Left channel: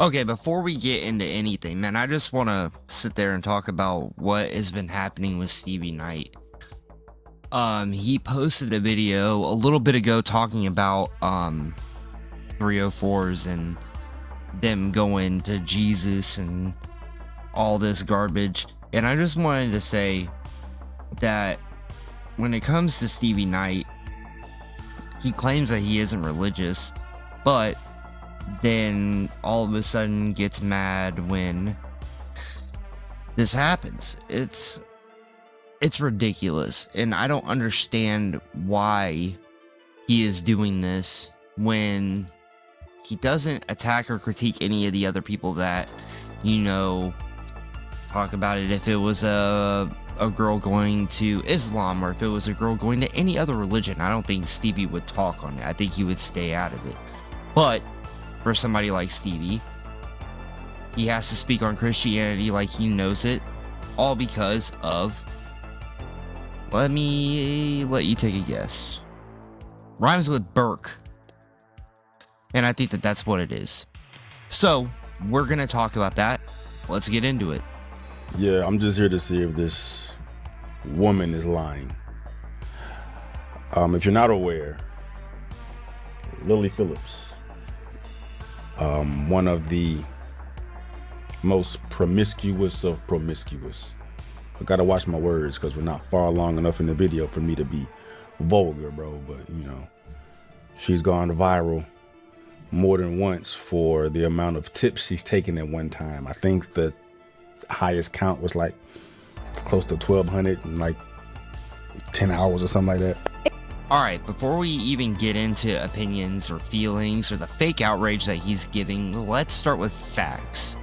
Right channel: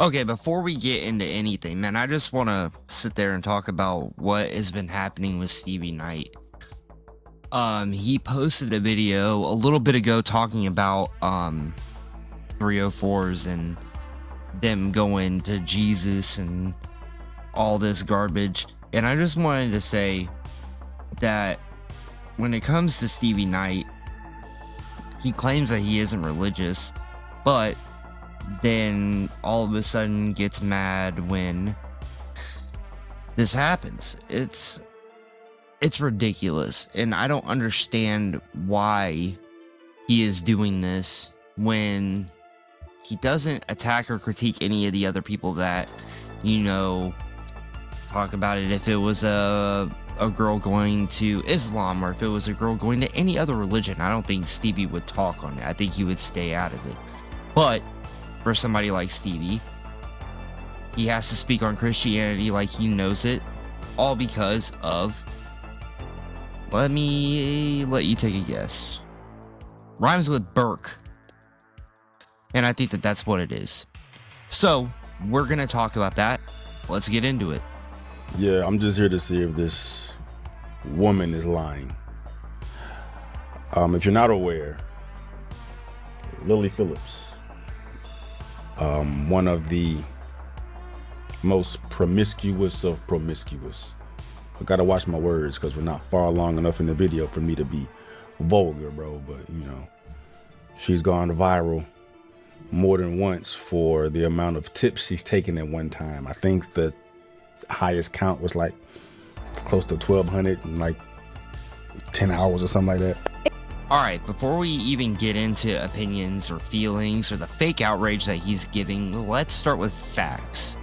Okay, before we get into anything, man, I just want to sit there and talk about what has been happening with Stevie Knight. He posted a video a little bit ago talking about 304s and them going to Jesus and all this garbage. And I just wanted to say that when it comes to Stevie Knight, he claims that he isn't religious, but then all of a sudden gets mad when this happens. It's ridiculous, and I don't understand why he is doing this when he doesn't attack or critique any of the other people that, talk about it. If it was a girl going to Islam, or if it was a girl going to any other religion, I don't think Stevie would talk on it. I think he would stay out of it. But for somebody like Stevie, he has to speak on Christianity like he knows it, all because of, let you take a guess. Rhymes with Burke. And I think that that's what it is. So, we're going to talk about that. Let's get into it. Yeah, I'm just here to see if this woman is lying. If you're not aware, Lily Phillips, one of the most promiscuous of promiscuous. I gotta watch my words because we're not far along enough in the video for me to be vulgar, bro. But she's gone viral more than once for the amount of tips she's taken at one time. I think the highest count was like close to 1,200 in like 10 hours or something like that. Alright, before we even get into opinions or feelings or the fake outrage that he's giving, let's start with facts.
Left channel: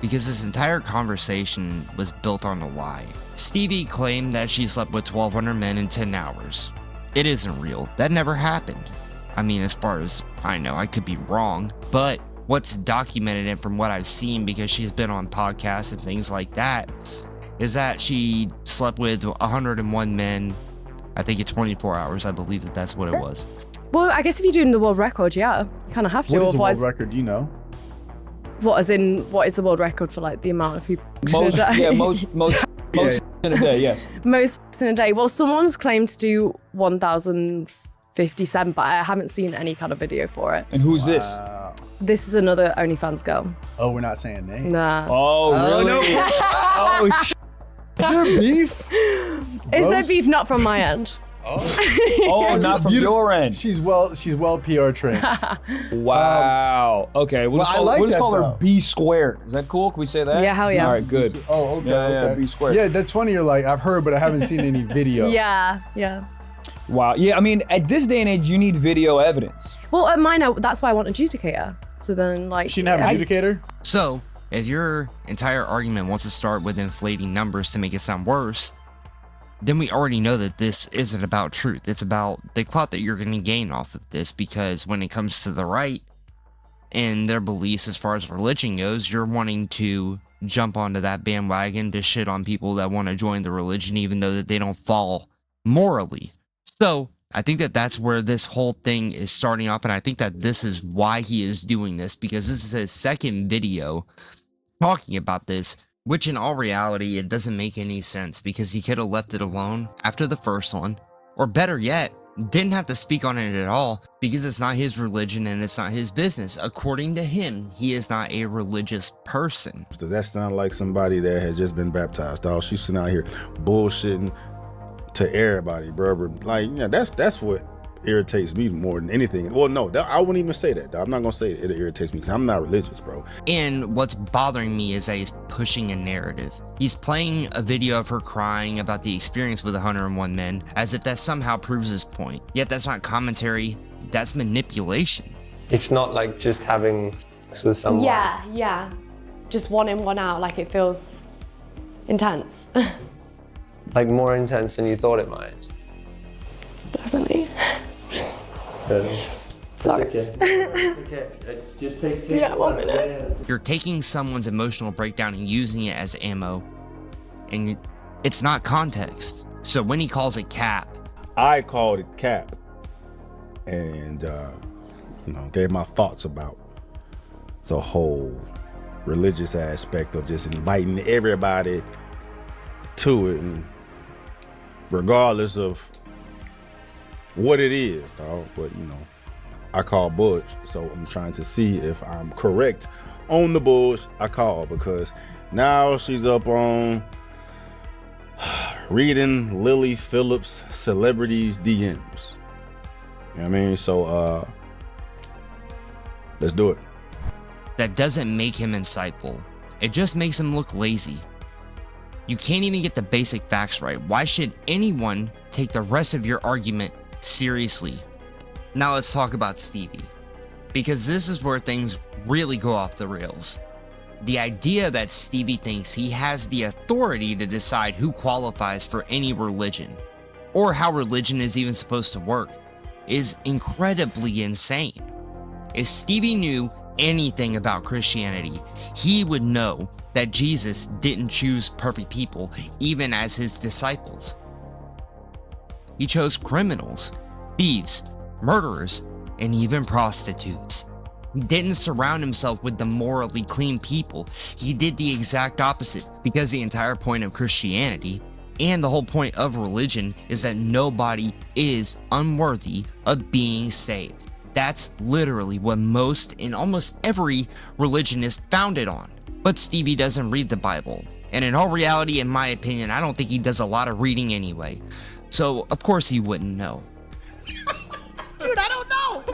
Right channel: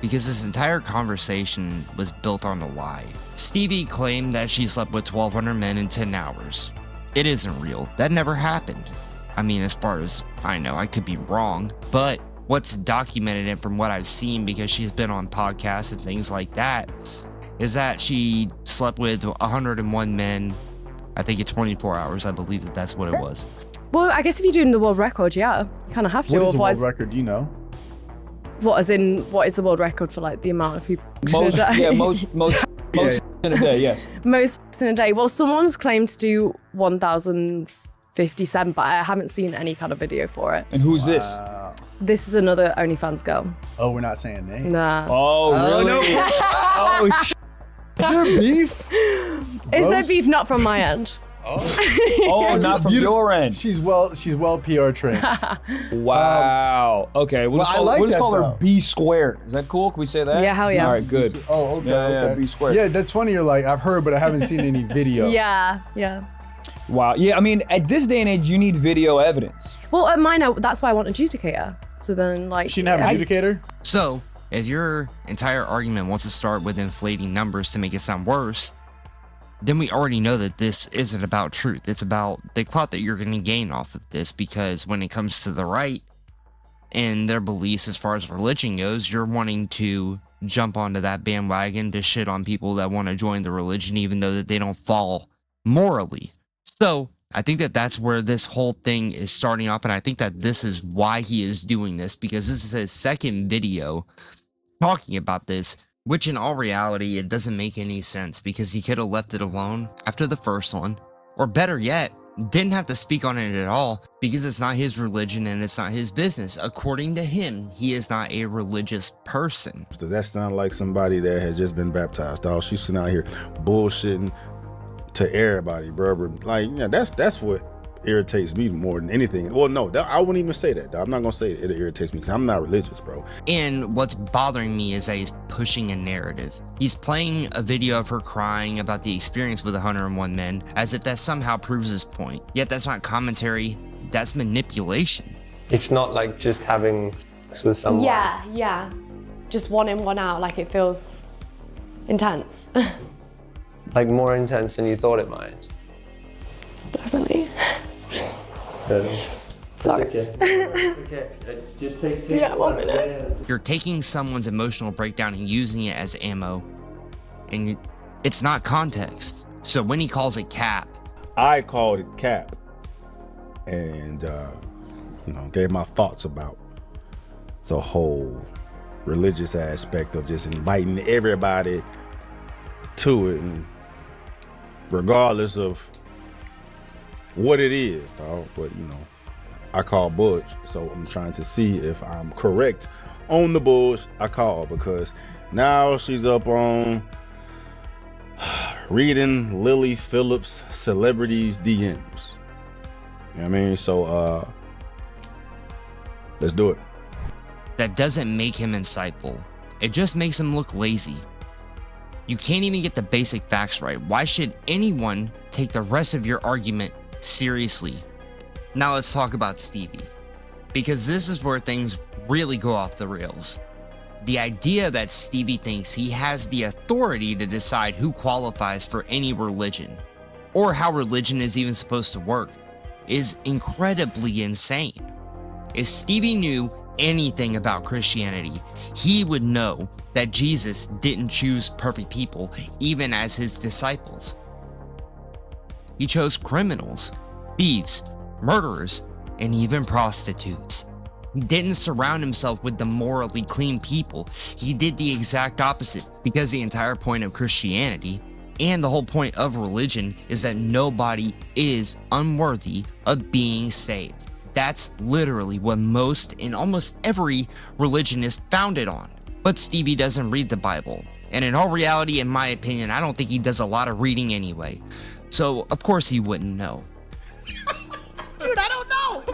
Because this entire conversation was built on a lie. Stevie claimed that she slept with 1,200 men in 10 hours. It isn't real. That never happened. I mean, as far as I know, I could be wrong, but what's documented and from what I've seen, because she's been on podcasts and things like that, is that she slept with 101 men, I think in 24 hours. I believe that that's what it was. Well, I guess if you're doing the world record, yeah, you kind of have to. What is the world record, do you know? What is the world record for like the amount of people Most in a day? yeah, most in a day, yes. Most in a day. Well, someone's claimed to do 1,057, but I haven't seen any kind of video for it. And who's this? This is another OnlyFans girl. Oh, we're not saying names. Nah. Oh, really? No. Oh, Is there beef? Is there beef? Not from my end. Oh, not from your end. She's well PR trained. Wow. Okay, we'll just call her B squared. Is that cool? Can we say that? Yeah, hell yeah. All right, good. Oh, okay. Yeah, B squared. Yeah, that's funny. You're like, I've heard, but I haven't seen any video. Yeah. Wow. Yeah, I mean, at this day and age, you need video evidence. Well, at mine, that's why I want adjudicator. So then, like, She didn't have an adjudicator? So, if your entire argument wants to start with inflating numbers to make it sound worse, then we already know that this isn't about truth. It's about the clout that you're going to gain off of this, because when it comes to the right and their beliefs as far as religion goes, you're wanting to jump onto that bandwagon to shit on people that want to join the religion, even though that they don't fall morally. So, I think that that's where this whole thing is starting off, and I think that this is why he is doing this, because this is his second video talking about this, which in all reality, it doesn't make any sense, because he could have left it alone after the first one, or better yet, didn't have to speak on it at all, because it's not his religion and it's not his business. According to him, he is not a religious person. Does that sound like somebody that has just been baptized, dog? She's sitting out here bullshitting to everybody, bro. Like, yeah, that's what irritates me more than anything. Well, no, I wouldn't even say that, dog. I'm not gonna say it irritates me, because I'm not religious, bro. And what's bothering me is that he's pushing a narrative. He's playing a video of her crying about the experience with 101 men, as if that somehow proves his point. Yet that's not commentary, that's manipulation. It's not like just having sex with someone. Yeah. Just one in, one out. Like, it feels intense. Like more intense than you thought it might. Definitely. Sorry. Okay. Just take Yeah, 1 minute. You're taking someone's emotional breakdown and using it as ammo, and it's not context. So when he calls it cap, I called it cap, and gave my thoughts about the whole religious aspect of just inviting everybody to it, and regardless of what it is, dog. But you know, I call bullshit, so I'm trying to see if I'm correct on the bullshit I call, because now she's up on reading Lily Phillips celebrities DMs. You know what I mean? So let's do it. That doesn't make him insightful. It just makes him look lazy. You can't even get the basic facts right. Why should anyone take the rest of your argument seriously? Now let's talk about Stevie, because this is where things really go off the rails. The idea that Stevie thinks he has the authority to decide who qualifies for any religion, or how religion is even supposed to work, is incredibly insane. If Stevie knew anything about Christianity, he would know that Jesus didn't choose perfect people, even as his disciples. He chose criminals, thieves, murderers, and even prostitutes. He didn't surround himself with the morally clean people. He did the exact opposite, because the entire point of Christianity, and the whole point of religion, is that nobody is unworthy of being saved. That's literally what most and almost every religion is founded on. But Stevie doesn't read the Bible. And in all reality, in my opinion, I don't think he does a lot of reading anyway. So, of course he wouldn't know. Dude, I don't know.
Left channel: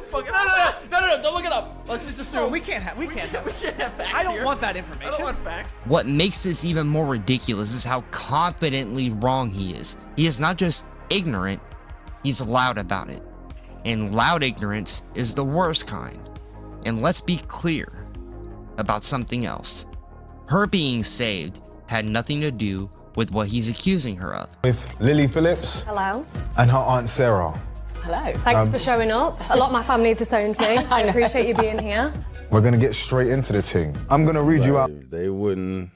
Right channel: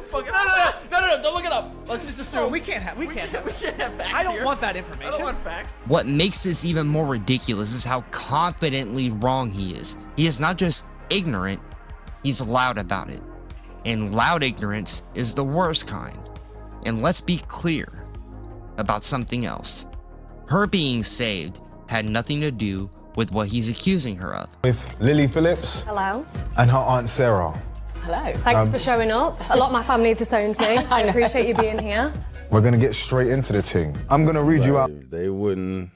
No, don't look it up. Let's just assume. We can't have facts. I don't want that information. I don't want facts. What makes this even more ridiculous is how confidently wrong he is. He is not just ignorant, he's loud about it. And loud ignorance is the worst kind. And let's be clear about something else. Her being saved had nothing to do with what he's accusing her of. With Lily Phillips. Hello. And her Aunt Sarah. Hello. Thanks for showing up. A lot of my family have disowned me, so I appreciate you being here. We're gonna get straight into the thing. I'm gonna read you out. They wouldn't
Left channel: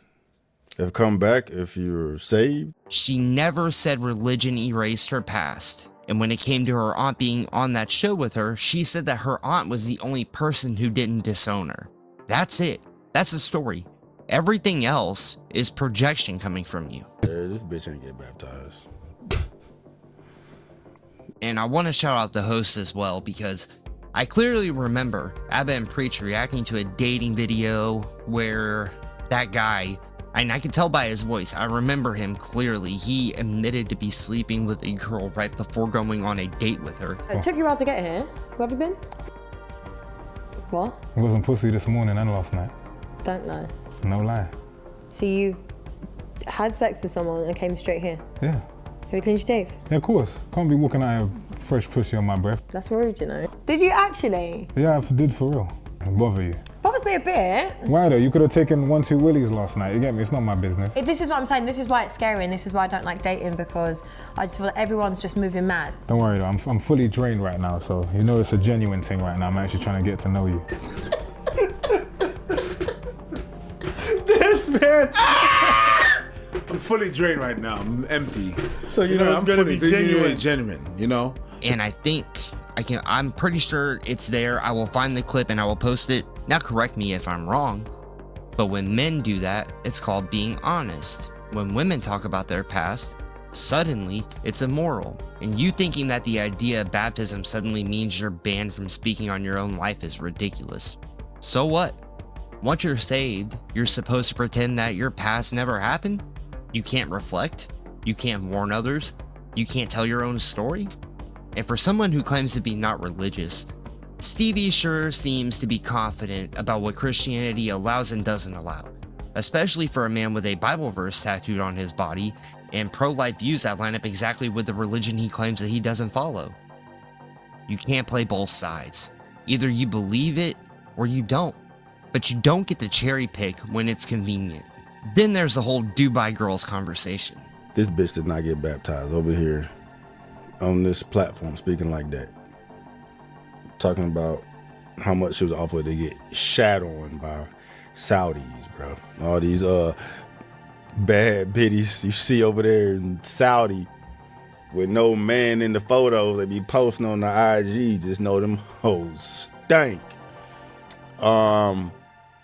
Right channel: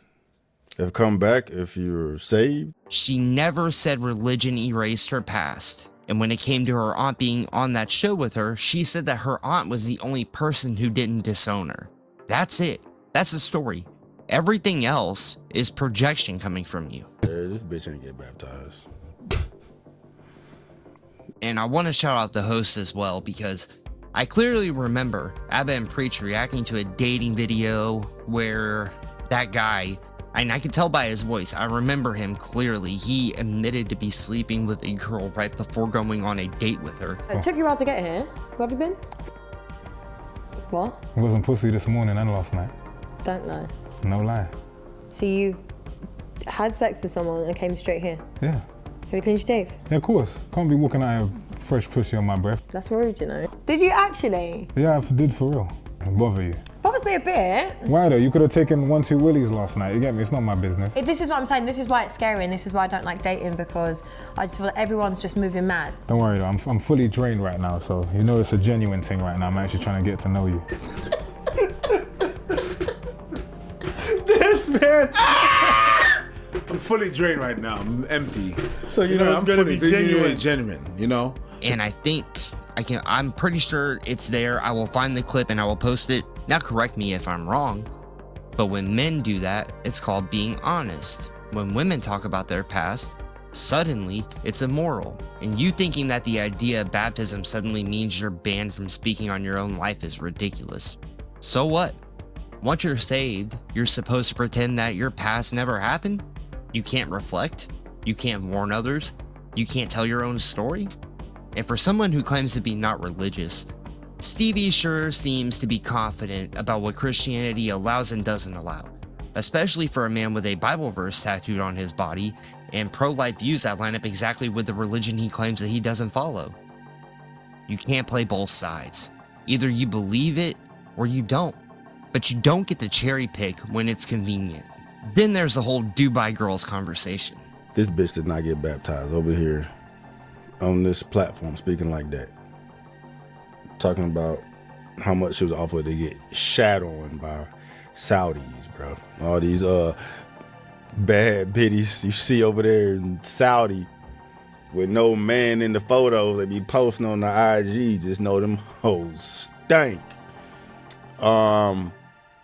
have come back if you were saved. She never said religion erased her past. And when it came to her aunt being on that show with her, she said that her aunt was the only person who didn't disown her. That's it. That's the story. Everything else is projection coming from you. This bitch ain't get baptized. And I want to shout out the host as well, because I clearly remember Abba and Preach reacting to a dating video where that guy, and I could tell by his voice, I remember him clearly. He admitted to be sleeping with a girl right before going on a date with her. It took you a while to get here. Where have you been? What? It wasn't pussy this morning and last night. Don't lie. No lie. So you've had sex with someone and came straight here? Yeah. Have you cleaned your teeth? Yeah, of course. Can't be walking out of fresh pussy on my breath. That's rude, you know. Did you actually? Yeah, I did for real. Bother you. Bothers me a bit. Why though? You could have taken 1-2 willies last night. You get me? It's not my business. This is what I'm saying. This is why it's scary, and this is why I don't like dating, because I just feel like everyone's just moving mad. Don't worry though. I'm fully drained right now, so you know it's a genuine thing right now. I'm actually trying to get to know you. This man. I'm fully drained right now. I'm empty. So you know it's gonna be genuine. Genuine, you know? And I think I'm pretty sure it's there. I will find the clip and I will post it. Now correct me if I'm wrong, but when men do that, it's called being honest. When women talk about their past, suddenly it's immoral. And you thinking that the idea of baptism suddenly means you're banned from speaking on your own life is ridiculous. So what? Once you're saved, you're supposed to pretend that your past never happened? You can't reflect? You can't warn others? You can't tell your own story? And for someone who claims to be not religious, Stevie sure seems to be confident about what Christianity allows and doesn't allow, especially for a man with a Bible verse tattooed on his body and pro-life views that line up exactly with the religion he claims that he doesn't follow. You can't play both sides. Either you believe it or you don't, but you don't get to cherry pick when it's convenient. Then there's the whole Dubai girls conversation. This bitch did not get baptized over here on this platform speaking like that. Talking about how much she was offered to get shat on by Saudis, bro. All these bad biddies you see over there in Saudi with no man in the photos they be posting on the IG, just know them hoes stink.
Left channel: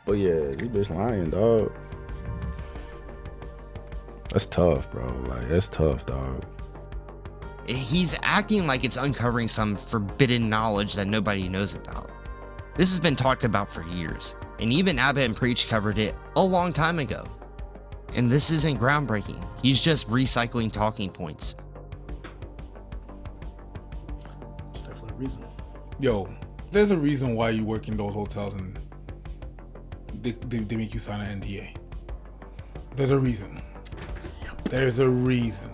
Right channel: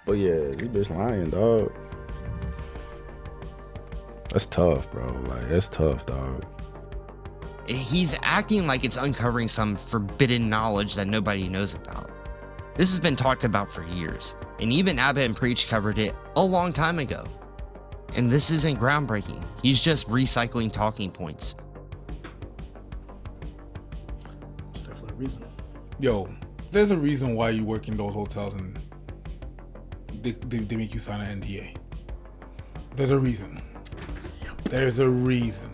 But yeah, this bitch lying, dog. That's tough, bro. Like, that's tough, dog. He's acting like it's uncovering some forbidden knowledge that nobody knows about. This has been talked about for years, and even Abbott and Preach covered it a long time ago. And this isn't groundbreaking. He's just recycling talking points. There's definitely a reason. Yo, there's a reason why you work in those hotels and they make you sign an NDA. There's a reason. There's a reason.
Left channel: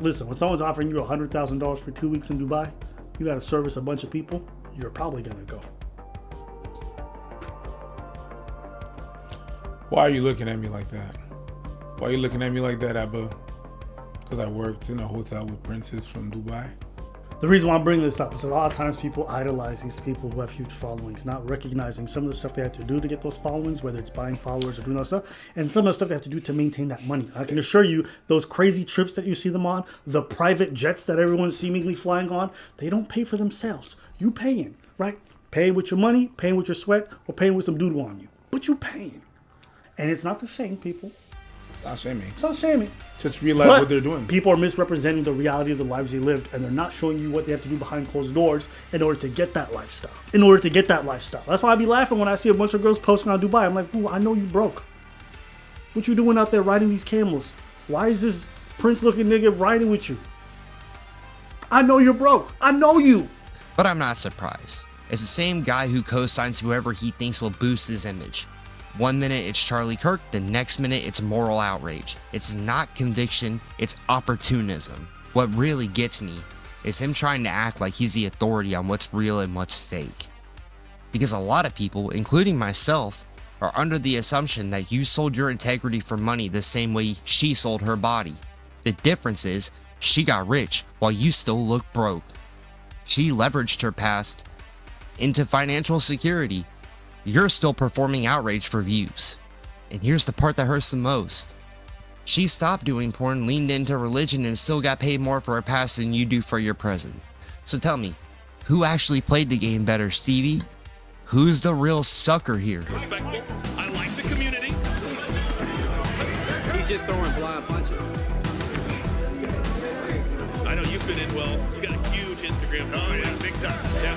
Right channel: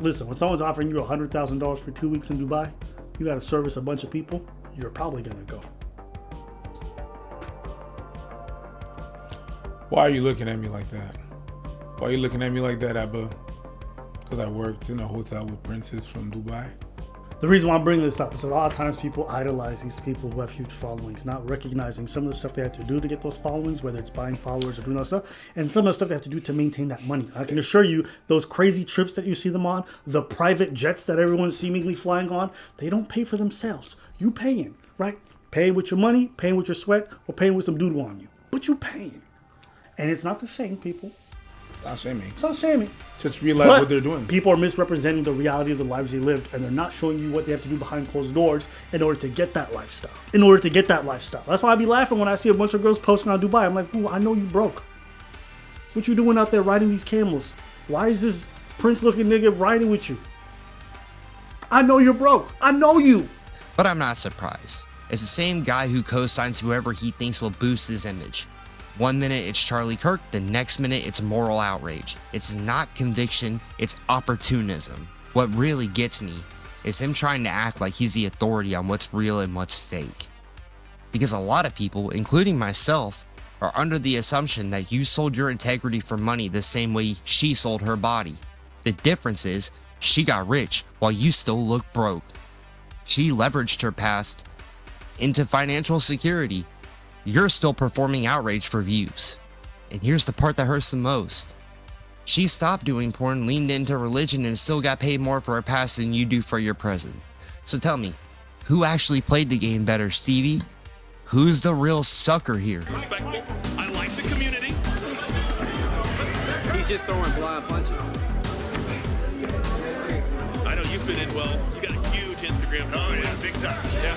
Listen, when someone's offering you $100,000 for 2 weeks in Dubai, you got to service a bunch of people, you're probably going to go. Why are you looking at me like that? Why are you looking at me like that, Abba? Because I worked in a hotel with princes from Dubai. The reason why I'm bringing this up is a lot of times people idolize these people who have huge followings, not recognizing some of the stuff they have to do to get those followings, whether it's buying followers or doing that stuff, and some of the stuff they have to do to maintain that money. I can assure you, those crazy trips that you see them on, the private jets that everyone's seemingly flying on, they don't pay for themselves. You paying, right? Paying with your money, paying with your sweat, or paying with some doodle on you. But you paying. And it's not to shame people. It's not shaming. It's not shaming. Just realize what they're doing. People are misrepresenting the reality of the lives they lived, and they're not showing you what they have to do behind closed doors in order to get that lifestyle. That's why I be laughing when I see a bunch of girls posting on Dubai. I'm like, ooh, I know you broke. What you doing out there riding these camels? Why is this prince-looking nigga riding with you? I know you're broke. I know you. But I'm not surprised. It's the same guy who co-signs whoever he thinks will boost his image. One minute it's Charlie Kirk, the next minute it's moral outrage. It's not conviction, it's opportunism. What really gets me is him trying to act like he's the authority on what's real and what's fake. Because a lot of people, including myself, are under the assumption that you sold your integrity for money the same way she sold her body. The difference is, she got rich while you still look broke. She leveraged her past into financial security. You're still performing outrage for views. And here's the part that hurts the most. She stopped doing porn, leaned into religion, and still got paid more for her past than you do for your present. So tell me, who actually played the game better, Stevie? Who's the real sucker here? Respectful. I like the community. He's just throwing blind punches. I know you fit in well. You got a huge Instagram following. Oh, yeah, big time. Yeah.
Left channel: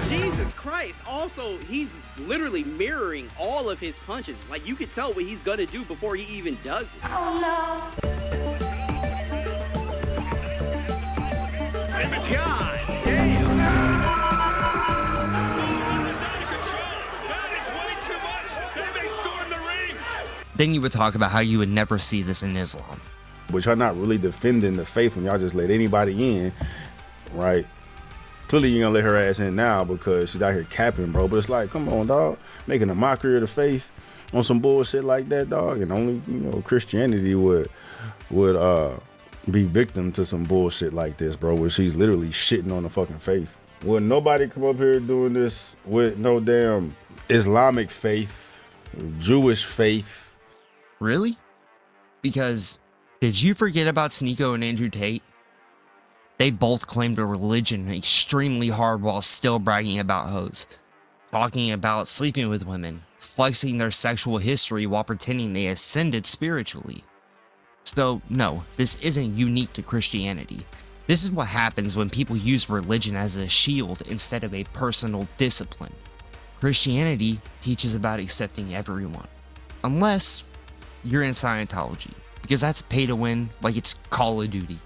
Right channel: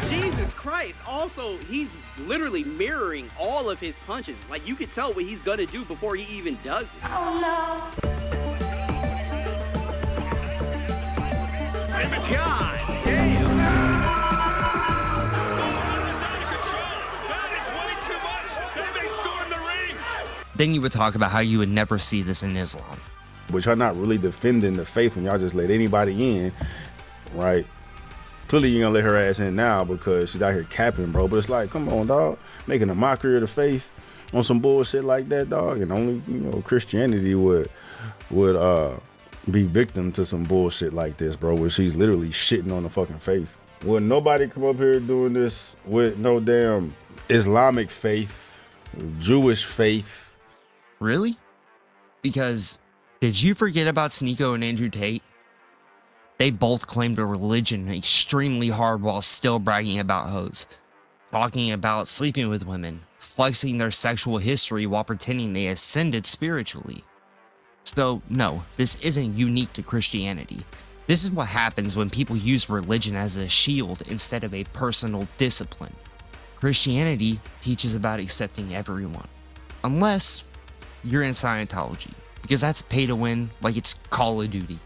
Jesus Christ. Also, he's literally mirroring all of his punches. Like, you could tell what he's gonna do before he even does it. Oh, no. God damn. Then you would talk about how you would never see this in Islam. But y'all not really defending the faith when y'all just let anybody in, right? Clearly you're gonna let her ass in now because she's out here capping, bro. But it's like, come on, dog. Making a mockery of the faith on some bullshit like that, dog. And only, Christianity would be victim to some bullshit like this, bro, where she's literally shitting on the fucking faith. Would nobody come up here doing this with no damn Islamic faith, Jewish faith? Really? Because did you forget about Sneeko and Andrew Tate? They both claimed a religion extremely hard while still bragging about hoes, talking about sleeping with women, flexing their sexual history while pretending they ascended spiritually. So no, this isn't unique to Christianity. This is what happens when people use religion as a shield instead of a personal discipline. Christianity teaches about accepting everyone, unless you're in Scientology, because that's pay to win like it's Call of Duty.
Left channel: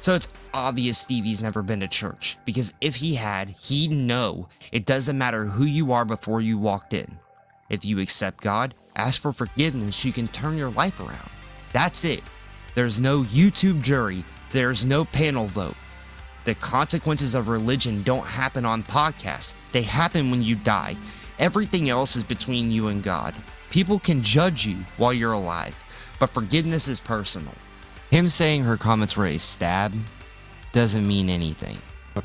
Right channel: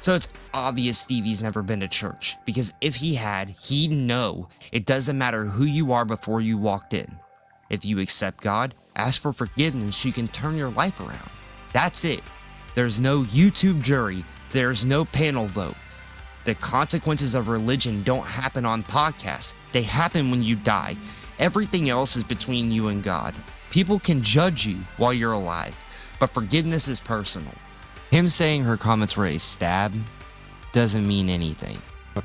So it's obvious Stevie's never been to church, because if he had, he'd know it doesn't matter who you are before you walked in. If you accept God, ask for forgiveness, you can turn your life around. That's it. There's no YouTube jury, there's no panel vote. The consequences of religion don't happen on podcasts, they happen when you die. Everything else is between you and God. People can judge you while you're alive, but forgiveness is personal. Him saying her comments were a stab doesn't mean anything.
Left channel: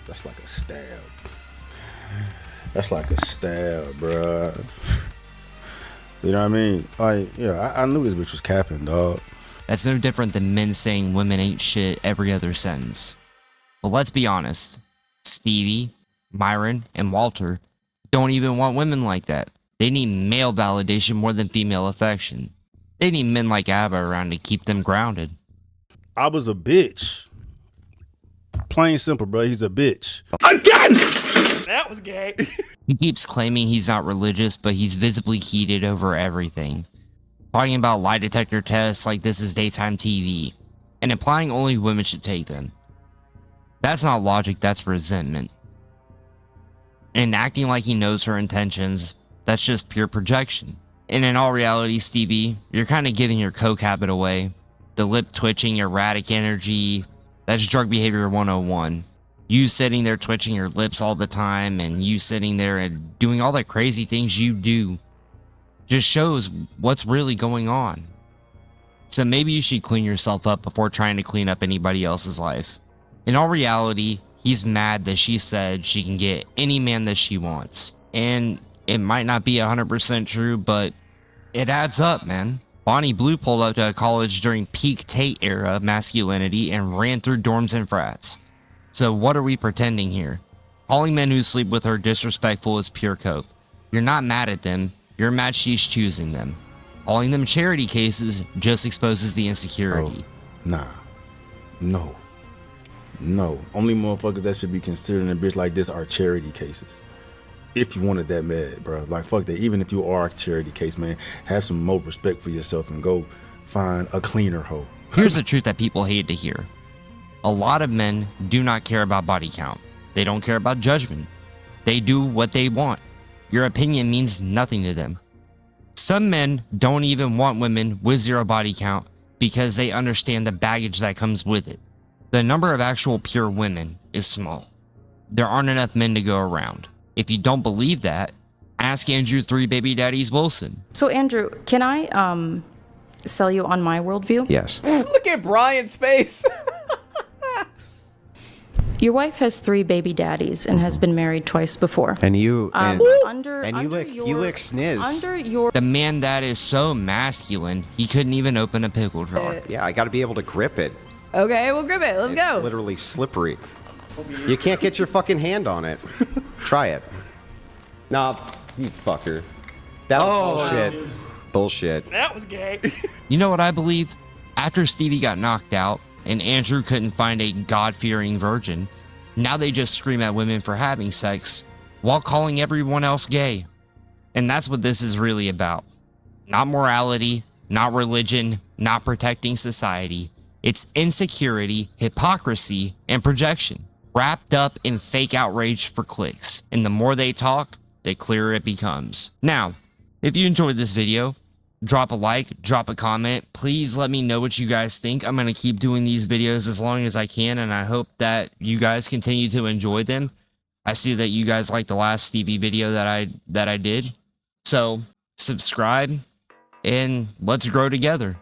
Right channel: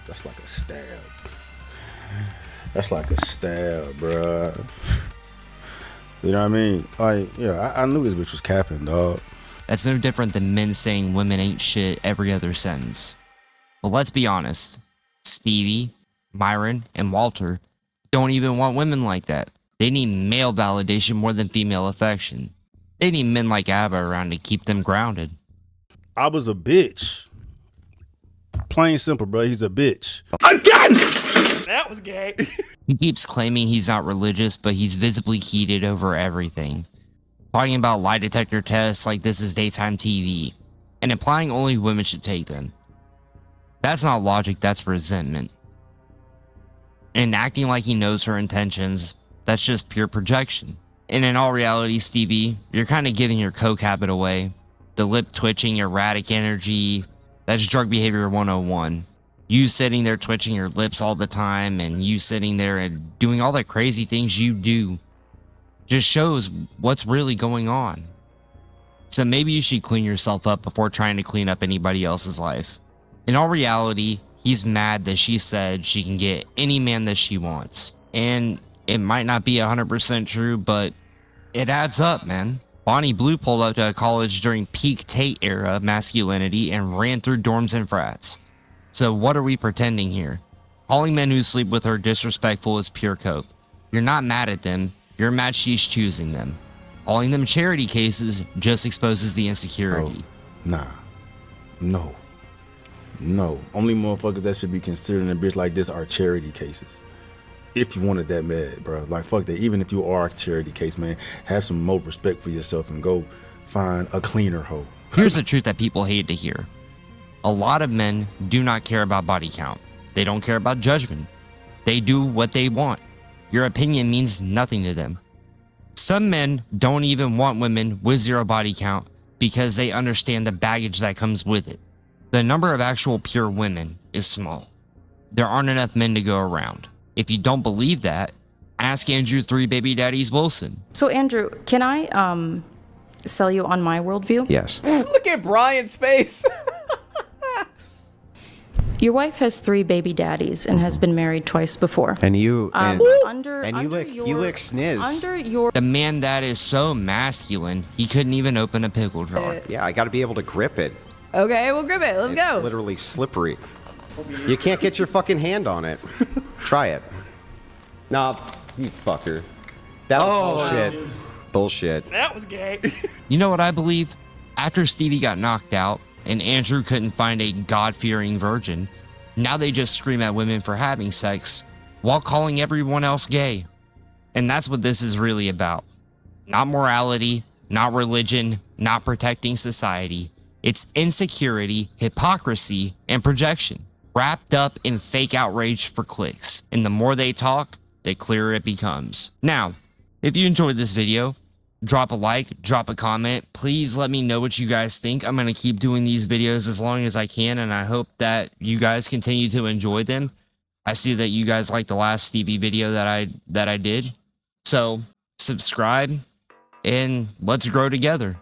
That's like a stab. That's like a stab, bruh. You know what I mean? Like, yeah, I knew this bitch was capping, dog. That's no different than men saying women ain't shit every other sentence. But let's be honest, Stevie, Myron, and Walter don't even want women like that. They need male validation more than female affection. They need men like ABBA around to keep them grounded. I was a bitch. Plain simple, bro. He's a bitch. Again! That was gay. He keeps claiming he's not religious, but he's visibly heated over everything. Talking about lie detector tests like this is daytime TV, and implying only women should take them. That's not logic, that's resentment. And acting like he knows her intentions, that's just pure projection. And in all reality, Stevie, you're kind of giving your coke habit away. The lip twitching, erratic energy, that's drug behavior 101. You sitting there twitching your lips all the time, and you sitting there and doing all the crazy things you do just shows what's really going on. So maybe you should clean yourself up before trying to clean up anybody else's life. In all reality, he's mad that she said she can get any man that she wants. And it might not be 100% true, but it adds up, man. Bonnie Blue pulled up to a college during peak Tate era masculinity and ran through dorms and frats. So what are we pretending here? Calling men who sleep with her disrespectful is pure cope. You're not mad at them, you're mad she's choosing them. Calling them charity cases just exposes the insecurity. Oh, nah. No. Only motherfuckers that should be considering a bitch like this are charity cases. If you wanted that mad, bro. Like, fuck that. Even if you are a charity case, man, have some more respect for yourself and go find a cleaner hoe. Here's the truth that people hate to hear. A lot of men do not care about body count. They don't care about judgment. They do what they want. Your opinion means nothing to them. Some men don't even want women with zero body count because they understand the baggage that comes with it. The number of actual pure women is small. There aren't enough men to go around. If you don't believe that, ask Andrew 3 Baby Daddies Wilson. So Andrew, can I sell you on my worldview? Yes. Look at Brian's face. Your wife has 3 baby daddies and has been married twice before. And you you lick sniz. Under your The man that is so masculine, he couldn't even open a pickle jar. Yeah, I got to be able to grip it. Okay, we'll grip it. Let's It's go. literally slippery. You can't get your fucking hand on it. Try it. Nah, you fucker. That was bullshit. Bullshit. That was gay. You know what I believe? After Stevie got knocked out and Andrew couldn't find a God-fearing virgin, now they just scream at women for having sex while calling everyone else gay. And that's what this is really about. Not morality, not religion, not protecting society. It's insecurity, hypocrisy, and projection, wrapped up in fake outrage for clicks. And the more they talk, the clearer it becomes. Now, if you enjoyed this video, drop a like, drop a comment. Please let me know what you guys think. I'm going to keep doing these videos as long as I can, and I hope that you guys continue to enjoy them. I see that you guys liked the last Stevie video that I did. So, subscribe, and let's grow together.